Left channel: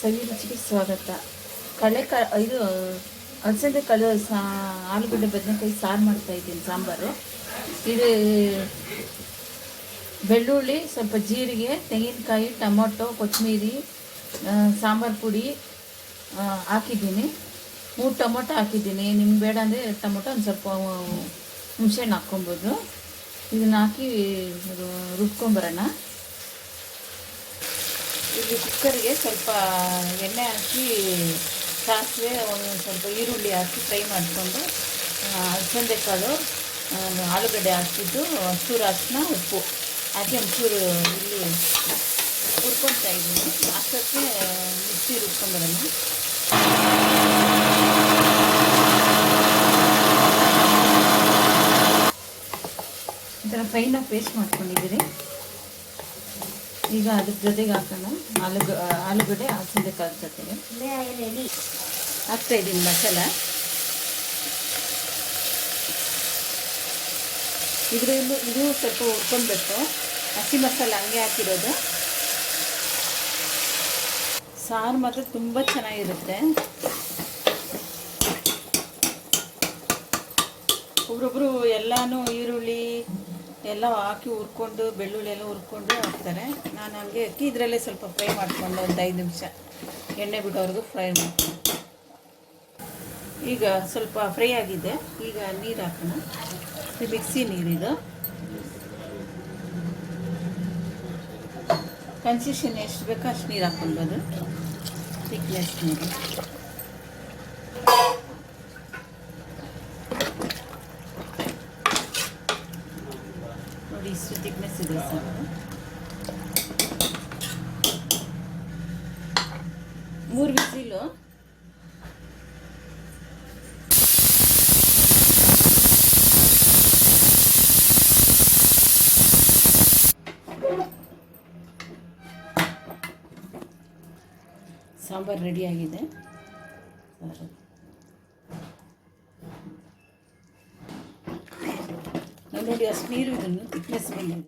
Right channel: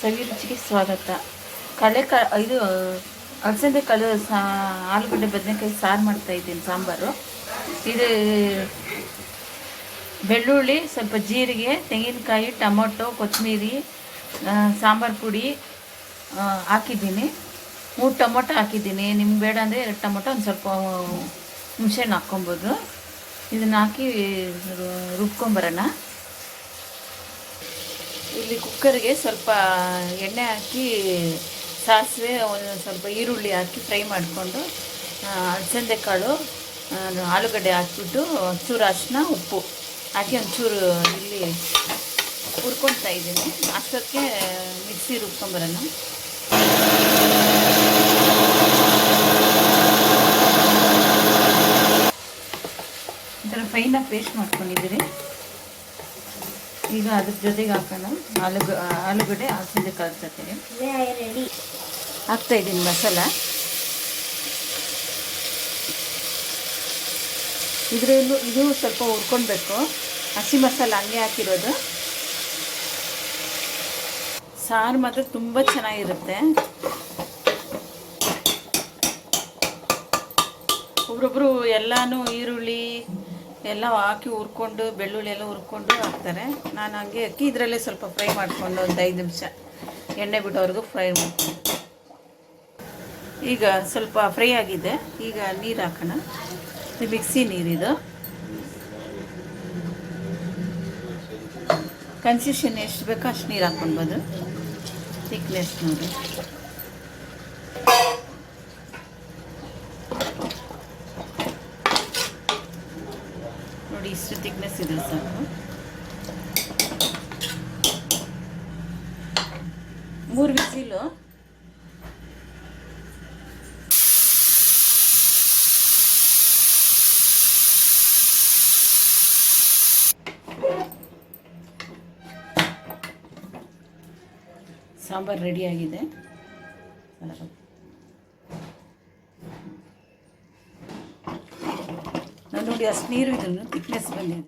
ಸವಿ ರುಚಿಗೆ ಸ್ವಾಗತ. ಇದು ಅಲಸಂದೆ ಕಾಳು ಆಲೂಗಡ್ಡೆ ಬದನೆಕಾಯಿ ಸಾರು ಮಾಡ್ತಾಯಿದ್ದೀನಿ. ಸಾಂಬಾರು ಇದು ಬೆಳ್ಳುಳ್ಳಿ, ಸ್ವಲ್ಪ ಜೀರಿಗೆ, ತೆಂಗಿನಕಾಯಿ, ಟೊಮೊಟೊ, ಕೊತ್ತಂಬರಿ, ಸಾಂಬಾರು ಪುಡಿ ಹಾಕಿದ್ದೀನಿ. 3 ಟೊಮೊಟೊ ಹಾಕಿದ್ದೀನಿ. ನಿಮ್ಗೆ ಬೇಡ ಅಂದರೆ 2 ಟೊಮೊಟೊ, ಒಂದು ಸ್ವಲ್ಪ ಹುಣಸೆಹಣ್ಣು ಹಾಕ್ಕೊಬೋದು. ಇದನ್ನು ಹಾಕಿ ರುಬ್ಕೊಂಬರೋಣ. ಇಲ್ಲಿ ಕುಕ್ಕರ್ಗೆ ಸ್ವಲ್ಪ ಎಣ್ಣೆ ಹಾಕಿ ಸಾಸಿವೆ, ಒಂದು ಸ್ವಲ್ಪ ಈರುಳ್ಳಿ ಹಾಕಿ ಫ್ರೈ ಮಾಡಿಕೊಂಡು ಅಲಸಂದೆ ಕಾಳು, ಆಲೂಗಡ್ಡೆ ಹಾಕಿಬಿಟ್ಟು ಚೂರು ಅರಿಶಿನ, ಉಪ್ಪು ಹಾಕಿ ಒಂಚೂರು ಇಲ್ಲಿ ಹುರ್ಕೊಳ್ತಾ ಇದ್ದೀನಿ. ಅಷ್ಟಕ್ಕೆ ಮಿಕ್ಸಿ ರುಬ್ಕೊಂಬರೋಣ. ಈ ಥರ ಫೈನಾಗಿ ಪೇಸ್ಟ್ ಮಾಡ್ಕೊಂಡಿದ್ದೀರಿ. ಈಗ ಅದ್ರ ಜೊತೆಗೆ ಹಾಕೋಣ ಆಲೂಗಡ್ಡೆ, ಅಲಸಂದೆ ಕಾಳು ಜೊತೆಗೆ ಹಾಕ್ತಾಯಿದ್ದೀನಿ ಮಸಾಲ. ಇದು ಸ್ವಲ್ಪ ಹುರ್ಕೊಳ್ಬೇಕು. ಹಸಿ ಮಸಾಲ ಹಂಗೆ ಹಾಕಿರೋದು. ಸಾರು ಮಾತ್ರ ತುಂಬ ಚೆನ್ನಾಗಿರುತ್ತೆ. ಒಬ್ರೊಬ್ರು ಎಲ್ಲನೂ ಈರುಳ್ಳಿ ಎಲ್ಲ ಹಾಕಿ ಹುರ್ಕೊಂಡು, ಬೆಳ್ಳುಳ್ಳಿ ಎಲ್ಲ ಹುರ್ಕೊಂಡು ಹಾಕ್ತಾರೆ. ನಾನು ಹಂಗೆ ಹಾಕಿ ಇದರಲ್ಲೇ ಸ್ವಲ್ಪ ಫ್ರೈ ಮಾಡಿಕೊಂಡು ಒಂದು 5 ನಿಮಿಷ ಎಣ್ಣೆ ಬಿಡೋವರೆಗೂ ಫ್ರೈ ಮಾಡ್ಕೊಂಡು. ಈಗ ಸ್ವಲ್ಪ ಫ್ರೈ ಆಗಿದೆ. ಈಗ ನೀರು ಹಾಕೋಣ. ಇದು ಮಿಕ್ಸಿ ನೀರಿದು. ಕನ್ಸಿಸ್ಟೆನ್ಸಿ ಎಷ್ಟು ಬೇಕೋ ಅಷ್ಟು ನೀರು ಹಾಕ್ಕೊಳ್ಬೋದು. ಥಿಕ್ನೆಸ್ ನೋಡಿ. ನೋಡಿ, ಇಷ್ಟು ಥಿಕ್ನೆಸ್ ಇದೆ ಸಾಕು. 3 ವಿಸಿಲು. ಸಾಂಬಾರು ರೆಡಿಯಾಗಿದೆ. ನಾನು ನೋಡಿ ಅಷ್ಟು ನೀರು ಇದನ್ನು ಥಿಕ್ನೆಸ್ ಬಂದಿದೆ.